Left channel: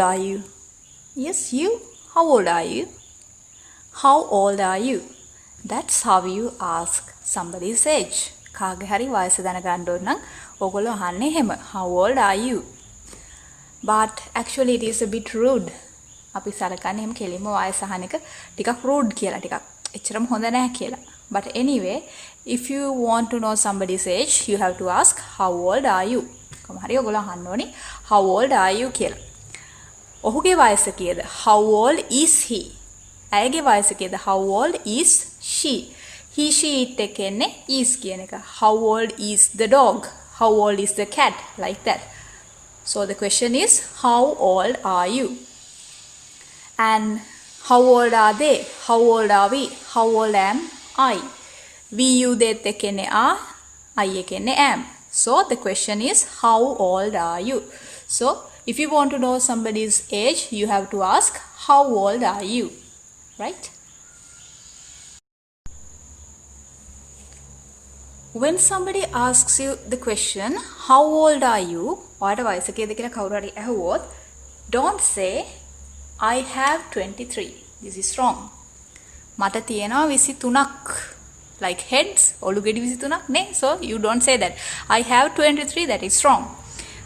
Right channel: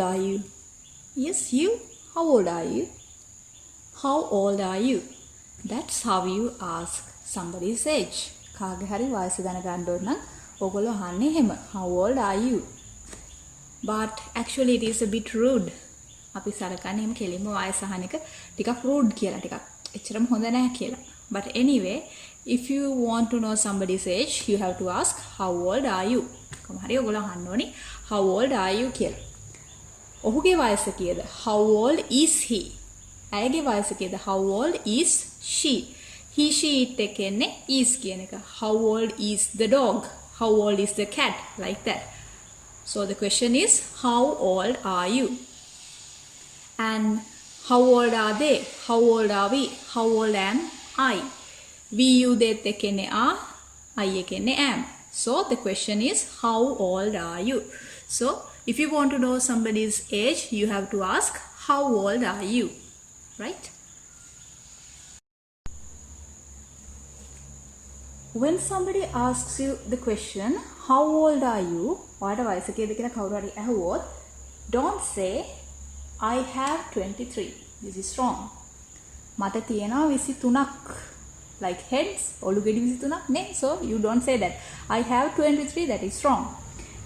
old are you? Yes, you. How old are you? How old are you? That's how you ask somebody's age. කාගේ හරි වයස දැනගන්න ඕන නම් ඔයගොල්ලෝ අහන්නේ එහෙම. How old are you? But actually it is a bit rude. අපි සලකන්නේ එහෙම කෙලින්ම වයස අහන එක ටිකක් rude කියලා, ටිකක් එච්චරම හොඳ නැහැ කියලා. But anyway, if you want to know somebody's age, you have to ask how old are you? කොහොම හරි ඔයගොල්ලෝ අහන්න ඕනි how old are you කියලා. ඔහුගේ වයස කීයද? How old is he? ඇයගේ වයස කීයද? How old is she? He, she, it එකෙන්නේ is කියන එක. How old is the dog? How old is the cat? Like that. So the question is, how old are you? And how old are they? How old are we? How old am I? We, you, they එකෙන්නේ are, I එකෙන්නේ am. So the question is, how old are you? So if you want to know somebody's age, you have to ask, how old are you? Right? When somebody asks you the question, how old are you? ඔයාට වයස කීයද කියලා කවුරු හරි ඇහුවොත්, don't say I have 23. This is wrong. මට තියෙනවා 23ක්. Like heads, ඔලු ගෙඩි 23ක් නේ. So you don't say that. I have 23. That is wrong.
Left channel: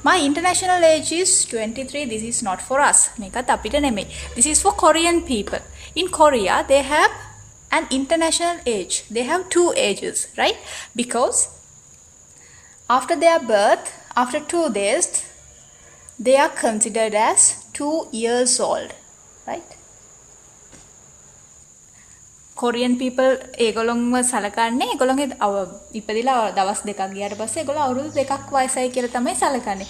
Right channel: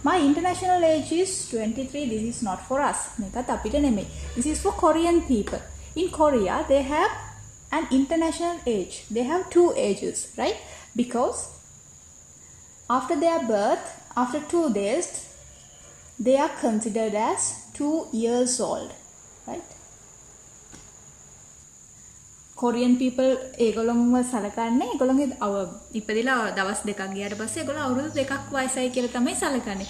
My international age is 23. This is not for us. මේකත් අපිට නෙමෙයි. This is for Korean people. In Korea, they have an international age. They have two ages, right? Because after their birth, after 2 days, they are considered as 2 years old, right? Korean people ඒගොල්ලොන්ව සලකන්නේ ඒගොල්ලොන්ගේ ඉපදිලා දවස් දෙකක් ගියාට පස්සේ ඒගොල්ලෝ අවුරුදු දෙකක් වයසයි කියලා තමයි සලකන්නේ.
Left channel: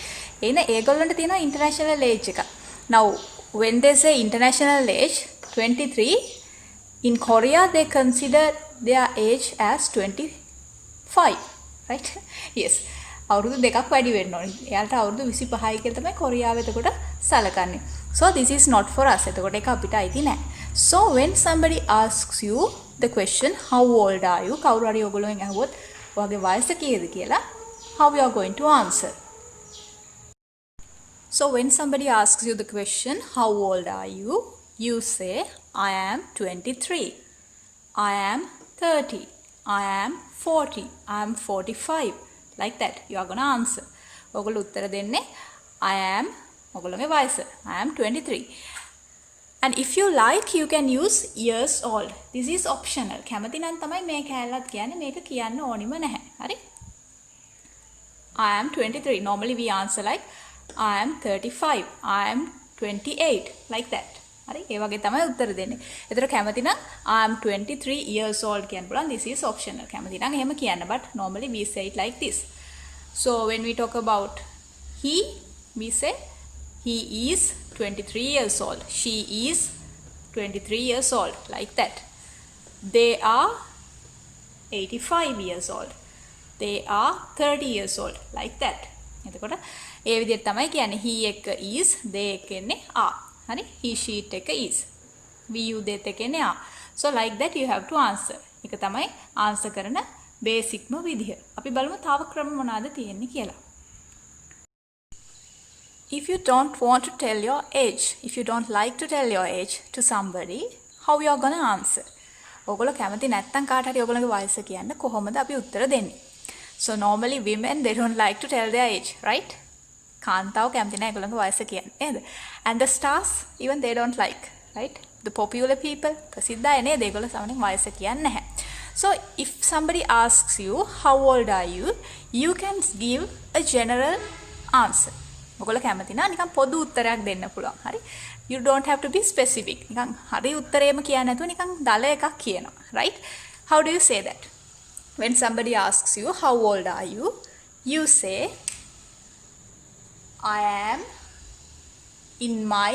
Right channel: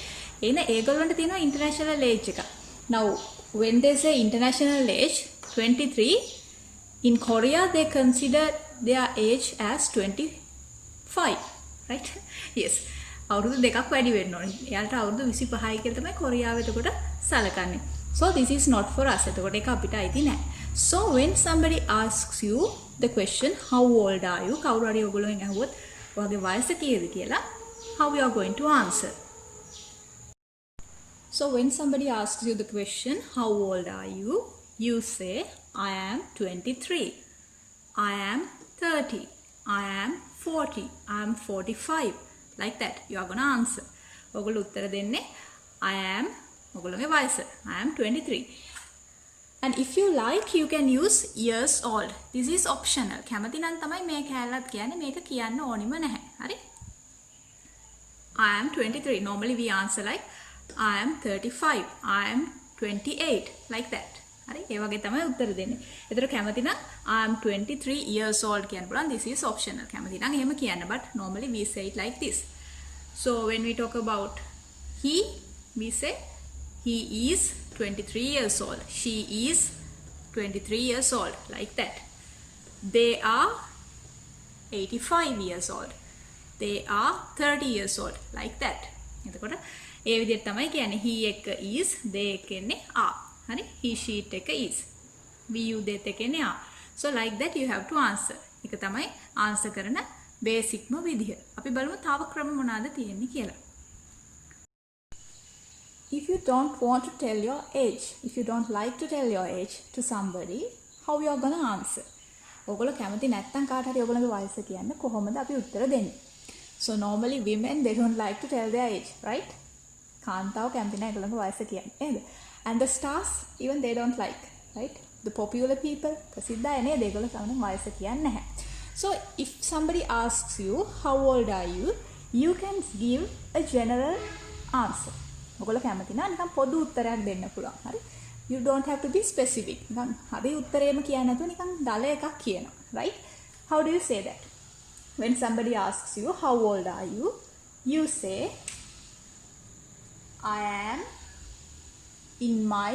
එන ඒගොල්ලන්ට තියෙනවා international age එක. Now when they say international age 23, in Korea they consider their age as 25, right? Yes. අවුරුදු දෙකක් වැඩි වෙන්න ඕනේ. එයාලට අවුරුදු 25යි කියලා තමයි කොරියාව එතකොට සලකන්නේ. So this is not for us. එතකොට ඒක අපිට අයිති නැහැ. So when somebody asks you the question how old are you? කවුරු හරි ඔයගොල්ලෝගෙන් අහුවොත් ඔයාගේ වයස කීයද කියලා, how you are going to answer? So when somebody asks you the question how old are you? You say I am 23. I am 30. I am 40. I am 45. Like that. You are going to answer. ඔයගොල්ලෝ උත්තර දෙන්නේ I am ඔයගොල්ලෝගේ වයස. I am 23. And if you like, you can use years old. This is optional. කැමති නම් තමයි මේ කැලලත් කියන්නේ, මේක කියන්න ඕනිම නැහැ. හරි? I am 23. Normally we answer like I am 35. I am 28. Like that. හරි? ඒ වගේ තමයි උත්තර දෙන්නේ. ඒතර කැමති නම් I am 23 years old කියන්න පුළුවන්. This is optional. කැමති නම් එහෙම කියන්න. But normally we say it like this. So when we talk about he, we say he is 23 years old. She is 23 years old. Like that. They are 85 years old. They are 30 years old. Like that. එතකොට ඒ විදිහට තමයි කියන්නේ. He එක is, they එකනේ are. හරි? He, she, it එක is. We, you, they එකනේ are. So like that you have to answer. ඒක තමයි answer කරන බේසික්ම විදිහ. අපි බලමු තව ක්‍රම මොනවාද තියෙන්නේ කියලා. If you don't want to tell your age, if you don't like to tell your age to somebody, how you are going to answer? ඔයගොල්ලෝ කැමති නැත්නම් කාට හරි ඔයගොල්ලෝගේ වයස කියන්න කොහොමද අපි උත්තර දෙන්නේ? So normally women, they don't like to tell their age, right? කාන්තාව කැමති නැහැ ඒගොල්ලෝගේ වයස කියන්න නේද? And the stars, even they don't like, right? The popular people, ප්‍රසිද්ධ අය නේද? ඒගොල්ලෝ සමහරවිට වයස කියන්නේ නැහැ. So if somebody asks you how old are you, you can give a general answer. ඔයගොල්ලෝ කැමති නම් නිකන් පොදු උත්තරයක් දෙන්න පුළුවන්. හරි? You don't have to be specific. නිකන් හරි උත්තරේම කියන්නේ නැතුව නිකන් දල එකක් කියනවා. Right? How do you say that? When somebody asks you how old are you, you say I am in my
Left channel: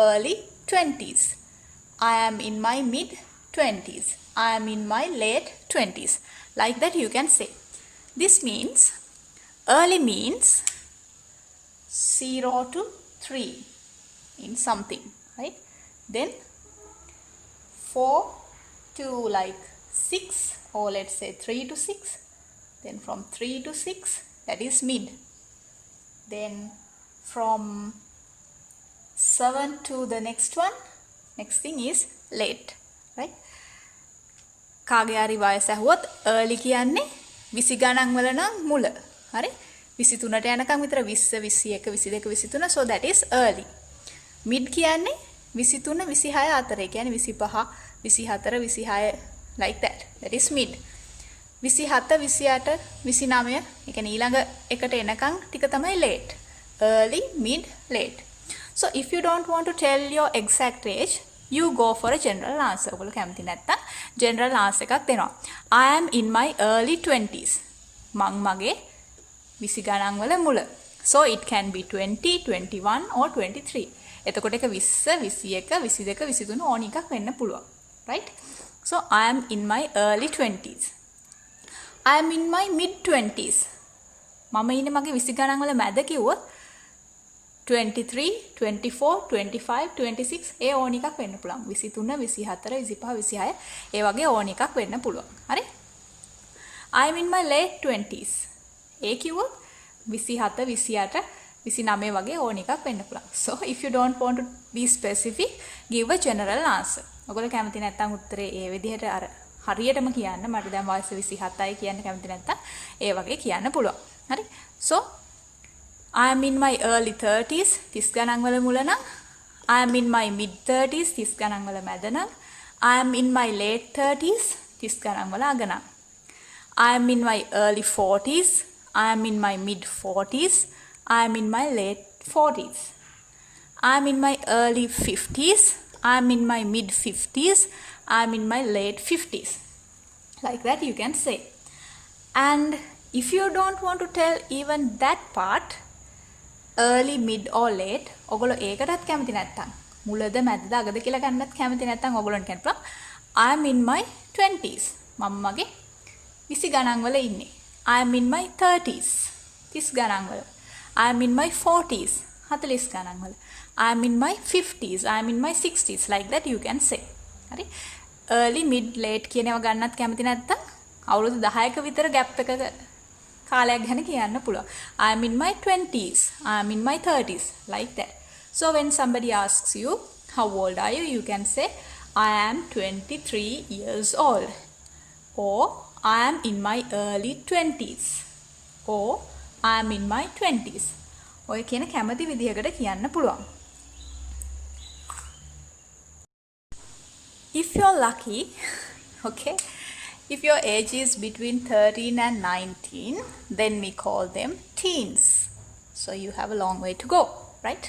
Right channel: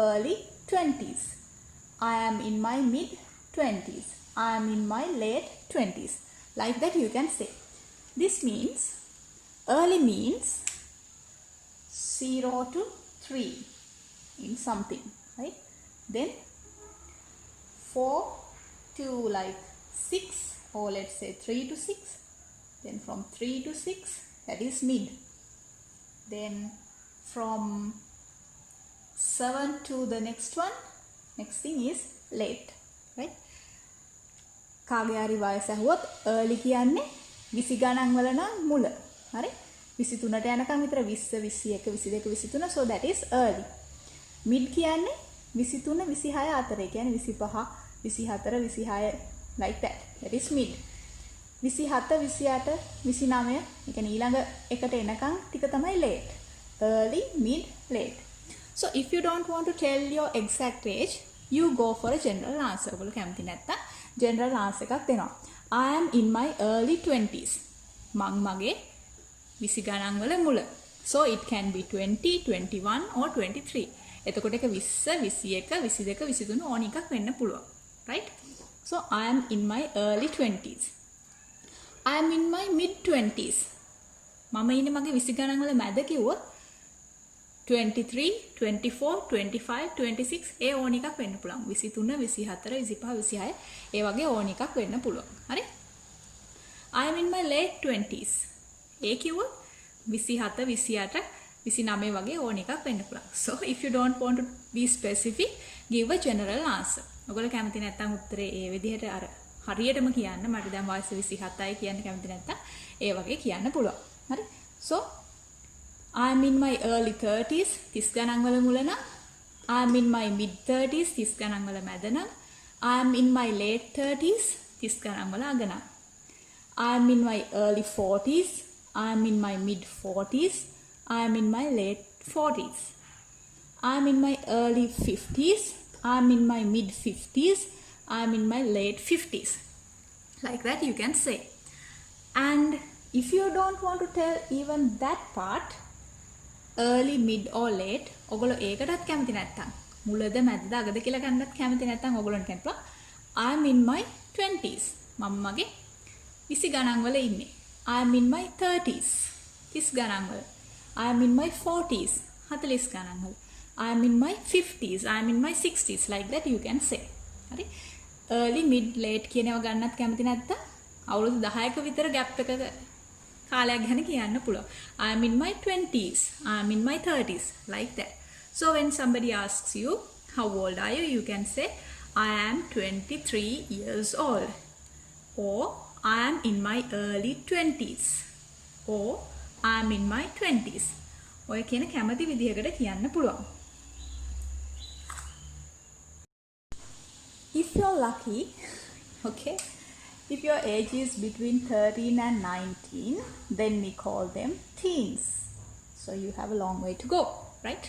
early 20s. I am in my mid 20s. I am in my late 20s. Like that you can say. This means early means 0 to 3 in something, right? Then 4 to like 6, or let's say 3 to 6. Then from 3 to 6, that is mid. Then from 7 to the next one. Next thing is late, right? කාගේ හරි වයස ඇහුවොත් early කියන්නේ 20 ගණන් වල නම් මුල. හරි? 23ට යනකම් විතර 20, 21, 22, 23. So that is early. Mid කියන්නේ 23, 26 අතර. ඒ කියන්නේ 25, 24, 26 like that. That is mid. 27, 28, 29. ඒ කියන්නේ ඊළඟ එකට එනකම් ටික තමයි late. Early, mid, late. So if you don't want to tell your exact age, you go for a general answer. ඔයගොල්ලෝ කැමති නැත්තම් general answer එකක් දෙනවා. I am in my early 20s. මං මගේ 20 ගණන් වල මුල. So it can be 20, 21 or 23. එතකොට එක 20, 21, 22, 23 ඕන එකක් වෙන්න පුළුවන්. Right? So I am in my early 20s. I am in my mid 20s. මම ඉන්නේ මගේ 20 ගණන් වල මැද කිව්වොත් 23, 24, 25, 26 ඒ ඕන එකක් වෙන්න පුළුවන්. 23, 24, 25, 26 ඒ වගේ ඕන එකක් වෙන්න පුළුවන්. හරි? I am in my late 20s. ඒ කිව්වොත් 27, 28, 29 වගේ ඕන එකක් වෙන්න පුළුවන්. So if you don't want to be specific, give a general answer. ඔයගොල්ලෝ කැමති නැත්නම් උත්තරේ ඒ විදිහට අර හරියටම කියන්න. මට දැන් වයස 27යි කියන්න කැමති නැත්නම් ඒ වගේ කියන්න පුළුවන්. හරි? So I am in my early 30s 30 ගණන් වල මුල නම්. I am in my mid 30s 30 ගණන් වල මැද නම්. I am in my late 30s 30 ගණන් වල අග නම්. I am in my early 40s. I am in my mid 40s. I am in my late 40s. I am in my early 50s. I am in my mid 50s. I am in my late 50s. Like that you can say. And if you don't want to tell even that part, early, mid or late, ඔගොල්ලෝ ඒකටත් කැමති නැත්තම් මුලද මැදද අගද කියලා ගන්නත් කැමති නැත්තම් ඔගොල්ලන්ට කියන්න I am in my 20s. මම මගේ 20 ගණන් වල ඉන්නේ. I am in my 30s. 30 ගණන් වල. I am in my 40s. 40 ගණන් වල. I am in my 50s. I am in my 60s. Like that you can say. හරි? Early, mid, late කියන ඒවා ගන්නත් කැමති නැත්තම් අවුරුදු 10ක විතර gap එකක කාලයක් ගැන කියන්න පුළුවන්. I am in my 20s. I am in my 30s. Like that. So when somebody asks you, how old are you? You can say, I am 23 years old. Or, I am in my early 20s. Or, I am in my 20s. ඔය කියන කැමති විදිහකට කියන්න පුළුවන්. If you're lucky, okay, if your age is between 13 and 19, then we call them teens. So you have a long way to go, right?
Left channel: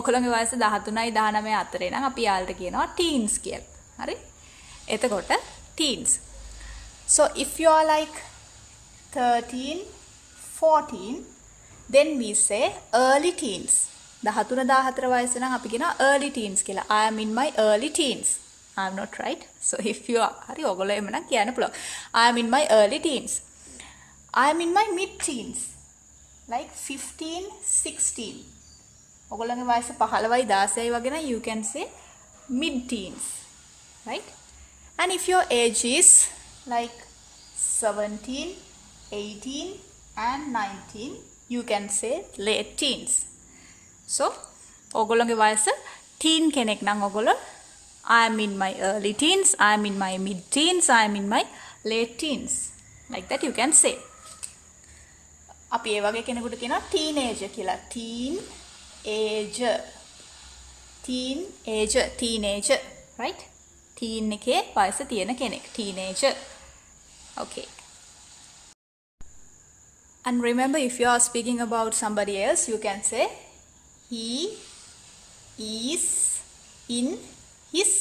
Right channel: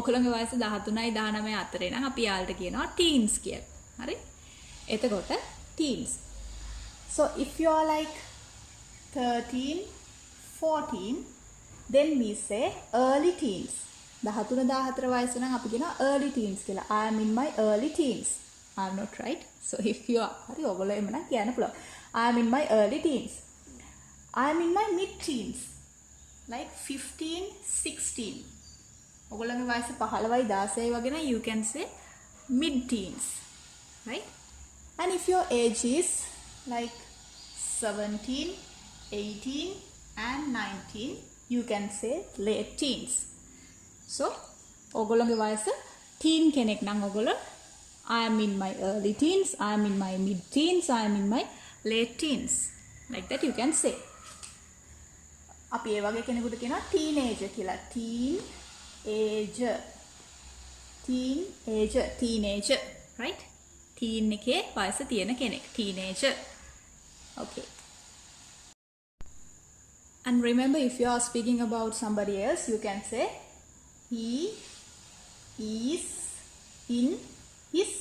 ඔකලගේ වයස 13යි 19 අතරේ නම් අපි යාළට කියනවා teens කියලා. හරි? එතකොට teens. So if you are like 13, 14, then we say early teens. 13 14 වයස නම් අපි කියනවා early teens කියලා. I am in my early teens. I am not right. So if you are, හරි ඔයගොල්ලෝ එහෙම නම් කියන්න පුළුවන්. I am in my early teens. I am in my mid teens. Like 15, 16. ඔයගොල්ලන්ගේ වයස 15යි 16යි වගේ නම් you can say mid teens. Right? And if your age is like 17, 18 and 19, you can say late teens. So ඔයගොල්ලන්ගේ වයස teen කෙනෙක් නම් ඔයගොල්ලෝ I am in my early teens, I am in my mid teens, I am in my late teens. Like that you can say. අපි ඒ වගේ කෙනෙකුට කියනවා teenager කියලා. Teenager, right? Teen එකේ වයස තියෙන කෙනෙක්. Teenager. Okay. And remember, if you are speaking about somebody else, you can say he is in his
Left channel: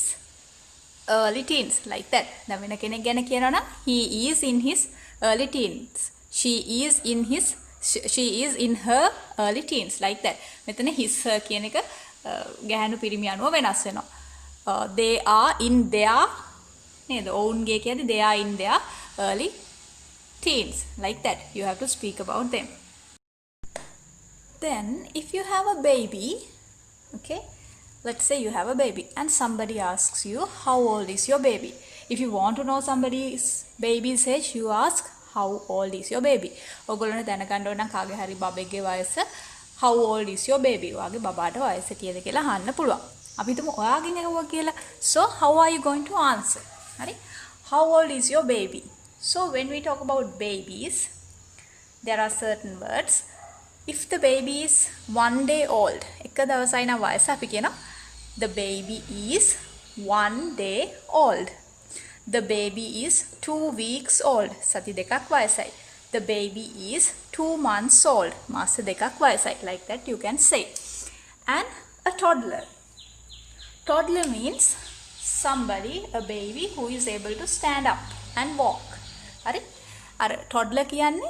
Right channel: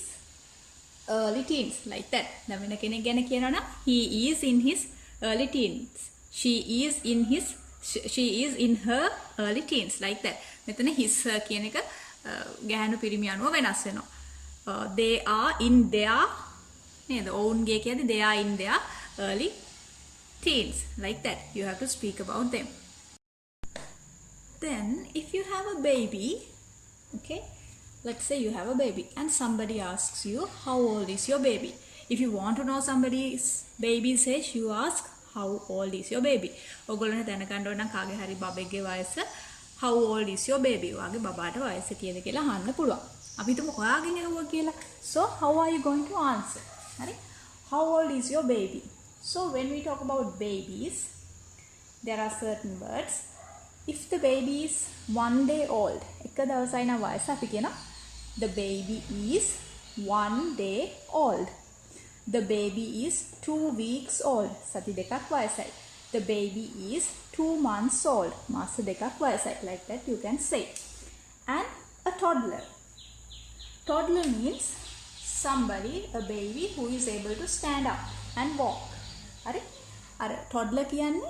early teens, like that. දැන් වෙන කෙනෙක් ගැන කියනවා නම් he is in his early teens. She is in her early teens, like that. මෙතන his her කියන එක ගැහැණු පිරිමි අනුව වෙනස් වෙනවා. They are in their නේද? ඔවුන්ගේ කියන්නේ they are in their early teens, like that. You have to speak about them. Then if you have a baby, okay, let's say you have a baby and somebody asks you, how old is your baby? If you want to know somebody's baby's age, you ask, how old is your baby? ඔයගොල්ලෝ දැනගන්න ඕන නම් කාගේ හරි බබෙක්ගේ වයස how old is your baby? ඔයාගේ බබාට වයස කීයද කියලා අහන්න පුළුවන්. අපි හිතමු ඔයාගෙන් ඇහුවා කියලා. So how are you going to answer? හරි? How old is your baby? So when we talk about babies, there are certain words. If the baby is 1 day old, එක දවසයි නම් වයස අපි කියනවා the baby is 1 day old. The baby is 2 weeks old. සති දෙකක් වයසයි. The baby is 2 months old. මාස දෙකක් වයසයි. Like that you can say. And a toddler. Toddler means somebody, a baby who is able to stand up and walk. හරි? අර toddler කියන්නේ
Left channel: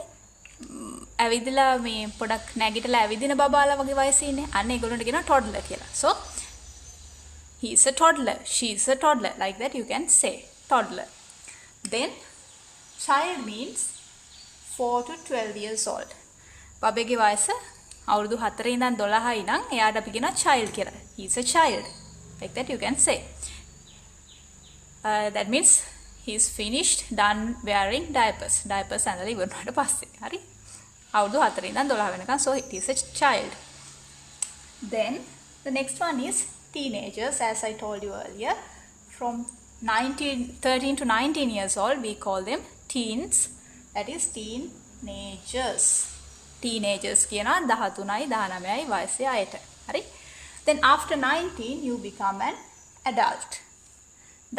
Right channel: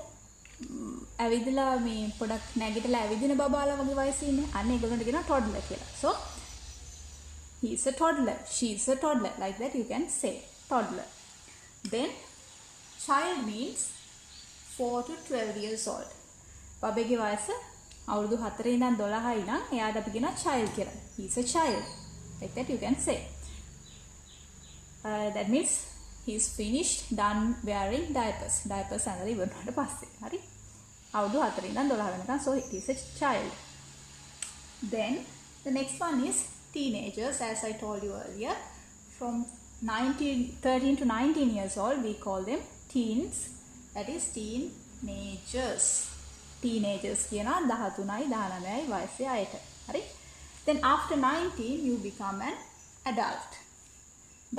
ඇවිදලා මේ පොඩක් නැගිටලා ඇවිදින බබාලා වගේ වයසේ ඉන්නේ. අන්න ඒගොල්ලන්ට කියනවා toddler කියලා. So he is a toddler. She is a toddler. Like that you can say toddler. Then child means 4 to 12 years old. බබේගේ වයස අවුරුදු 4 ඉඳන් 12යි නම් එයාට අපි කියනවා child කියලා. He is a child. Like that you can say. That means he is finished, done wearing diapers. Diapers ඇඳලා ඉවරනට පස්සේ. හරි? අවුරුදු 4 ඉඳන් 12 වෙනකන්. So it is a child. Then the next one is teenagers, as I told you earlier. From 13 to 19 years old, we call them teens. That is teenagers. Teenagers කියනවා 13යි 19යි වයසේ අයට. හරි? Then after 19 you become an adult.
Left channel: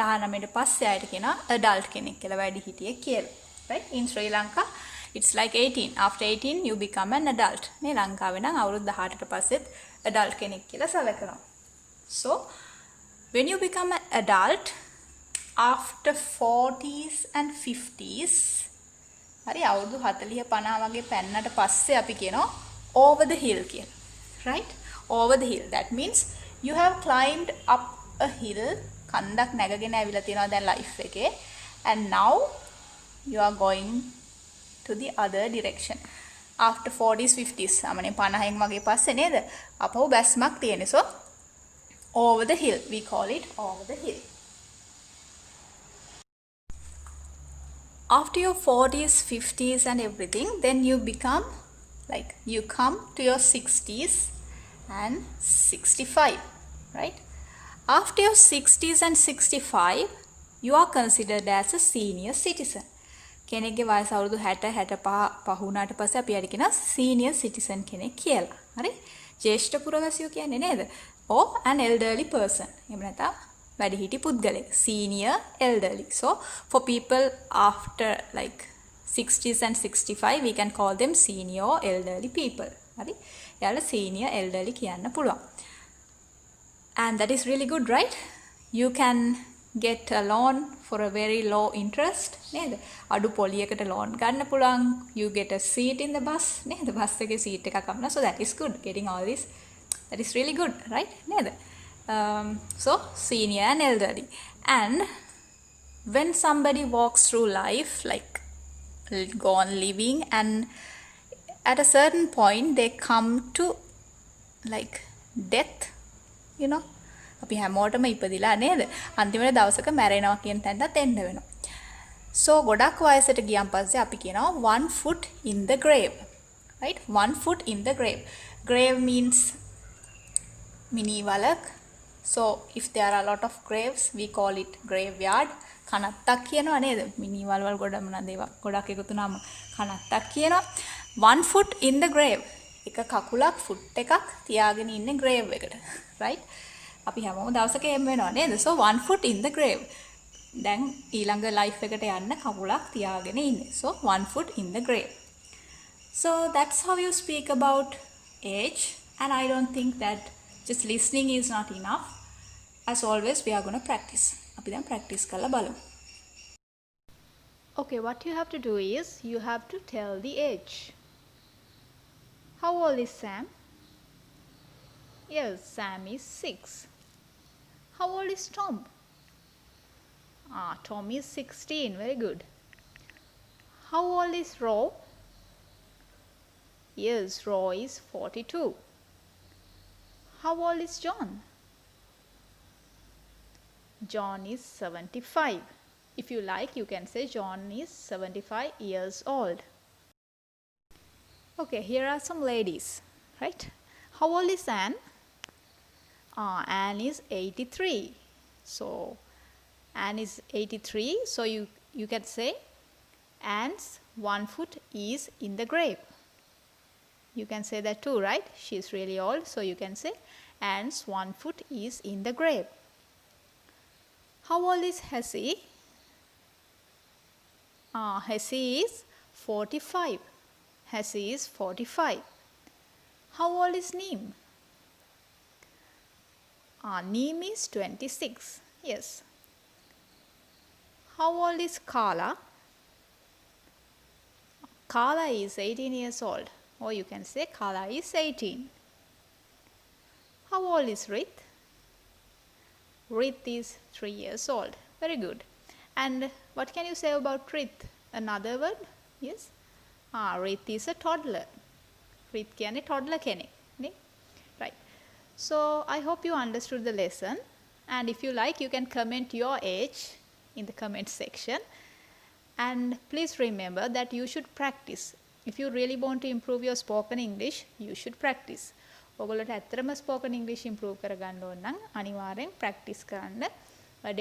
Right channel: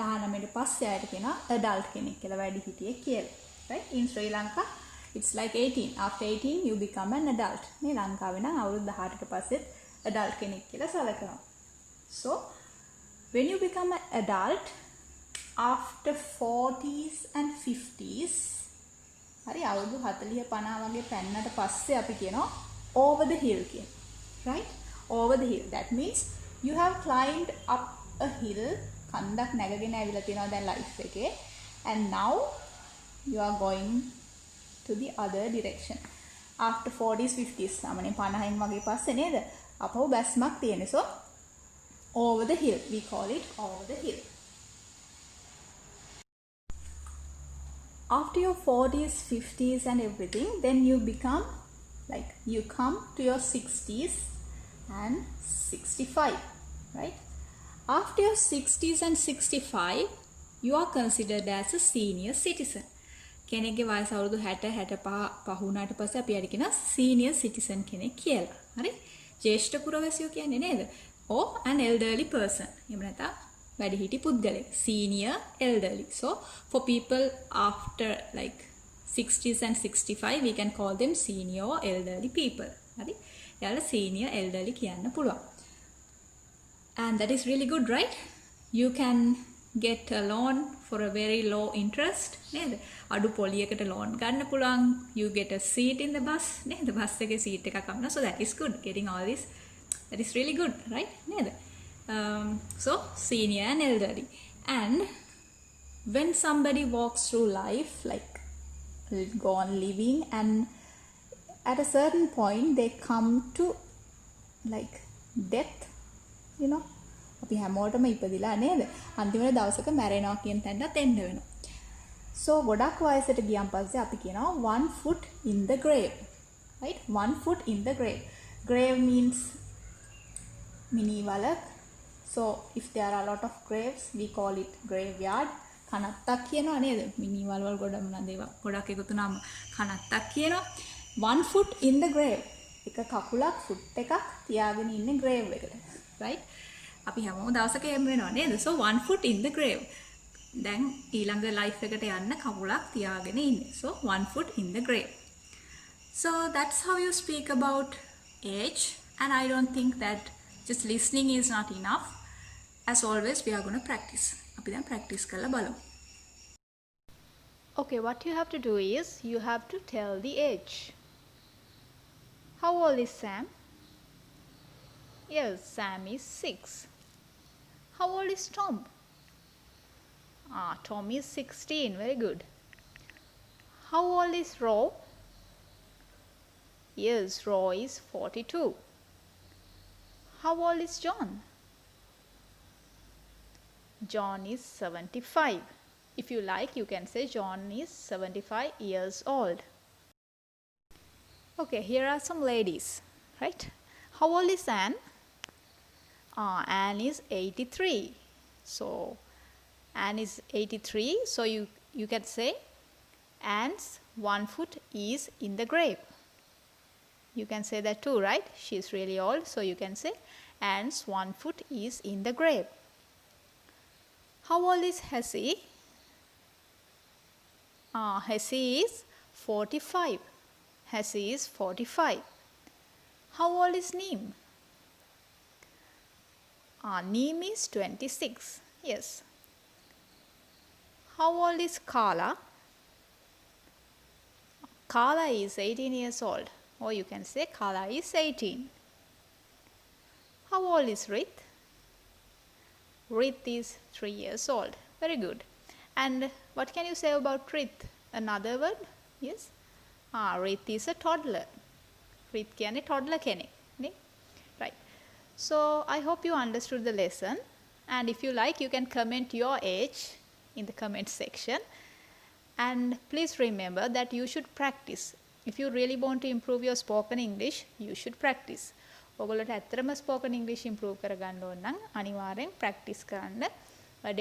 19ට පස්සේ අයට කියනවා adult කෙනෙක් කියලා වැඩිහිටියෙක් කියලා. Right? In Sri Lanka it's like 18. After 18 you become an adult. මේ ලංකාවේ නම් අවුරුදු 18ට පස්සෙත් adult කෙනෙක් කියලා සැලකනවා. So when you become an adult after 40s and 50s, හරි අවුරුදු 40 50 වගේ පෙන්නට පස්සේ අපි කියනවා over the hill කියලා. Right? Over the hill. That means you have climbed up a hill. කන්දක් නැගගෙන ඇවිල්ලා තියෙනවා දැන් ලයිෆ් එකේ. And now you are going to the other direction. After 40s 50s අමනේ 50න් වගේ පස්සේ නේද? අපහු බැස්මක් තියෙන්නේ. So over the hill. We call it over the hill. After your 40s, 50s and everything, then you become like you come to your 60s and 65, right? After your 60s and 65, you are considered as a senior citizen. කෙනෙක්ගේ වයස අවුරුදු 60 65 වුණාට පස්සේ අපි හරි කියනවා senior citizen කෙනෙක් කියලා. හරි? ජ්‍යෙෂ්ඨ පුරවැසියෝ කියන්නේ නේද? Or an elderly person. එහෙම නැත්නම් වැඩිහිටි පුද්ගලයෙක්. Senior elderly. So for people after like 60s and 65, we can call them senior or elderly people. හරි? එයාලා senior elderly කියන්න පුළුවන්. And that is really good, right? You can get a loan for a very low interest. නේද? අඩු පොලියකට loan ගන්න පුළුවන්. You get a seat in the bus. නේද? Bus එකේ seat එකක් අපනවා. So that is good. Getting all this. That is really good, right? නේද? So senior and elderly. And when somebody walks through life, like go on living, and at a certain point they come to like death, you know, අපි හැමෝටම ඉපදිලා නේද? අන්තිමට දවසක මැරෙනවා කියන තැනට එන්න වෙනවා. So ගොඩක් වයසට ගියන් පස්සේ අපි කියනවා 1 foot in the grave. Right? 1 foot in the grave. Grave means mini වලක්. So if there are a lot of graves, we call it graveyard. කනත්තක් කියනවා නේද? මිනි වලවල් ගොඩක් එකතු වුණාම කනත්තක් කියනවා. 1 foot in the grave. එක කකුලක් foot එකක් තියාගෙන ඉන්නේ grave එකට. Right? අපි හැමෝම දවසක එහෙම වෙනවා නේද? So 1 foot in the grave. දැන් ඊළඟ life එකට යන්න කකුලක් තියාගෙන ඉන්නේ. So 1 foot in the grave. So that's how you speak about age, and I don't think that just listening is not enough. As always, we are going to practice. අපි දැන් practice කරලා බලමු. Okay, what you have to do is you have to tell the age. How old is Sam? Yes, Sam is 6. How old is Tom? Tom is 16. Very good. How old is Ro? Yes, Ro is 42. How old is John? John is 75. If you like, you can say John is 75 years old. Okay, here are some ladies, right? How old is Anne? Anne is 83. So Anne is 83. So you can say Anne's one foot is in the grave. You can say that too, right? She's really old. So you can say Anne's one foot is in the grave. How old is Hessie? Hessie is 45. Hessie is 45. How old is Neem? Neem is 26. Yes. How old is Carla? Carla is 18 years old. Or you can say Carla is 18. How old is Rith? Rith is 3 years old. Very good. And what can you say about Rith? Another word? Yes. Rith is a toddler. Rith කියන්නේ toddler කෙනෙක්. නේ? Right. So I hope you understood the lesson. And if you like, you can comment your age in the comment section. And please remember that you should practice. If you really want to improve your spoken English, you should practice. ඔයගොල්ලෝට ඇත්තටම spoken English improve කරගන්න ඕන නම් අනිවාර්යෙන් practice කරන්න.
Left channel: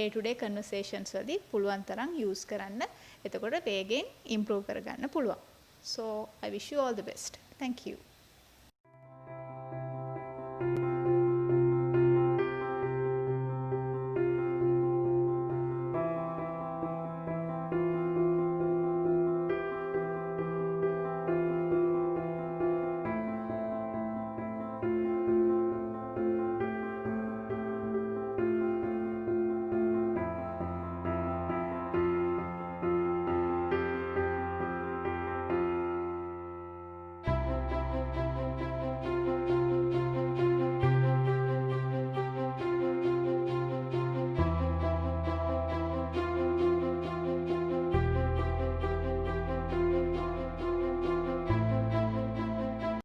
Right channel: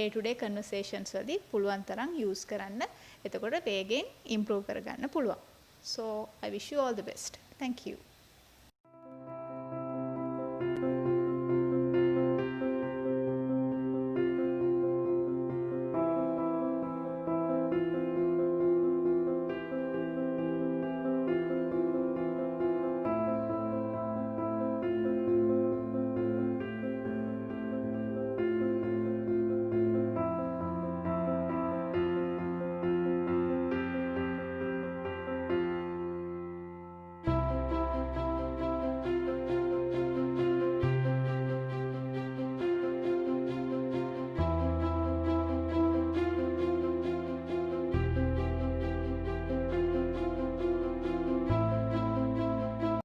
day to day conversations වලදී පුළුවන් තරම් use කරන්න. එතකොට වේගෙන් improve කරගන්න පුළුවන්. So I wish you all the best. Thank you.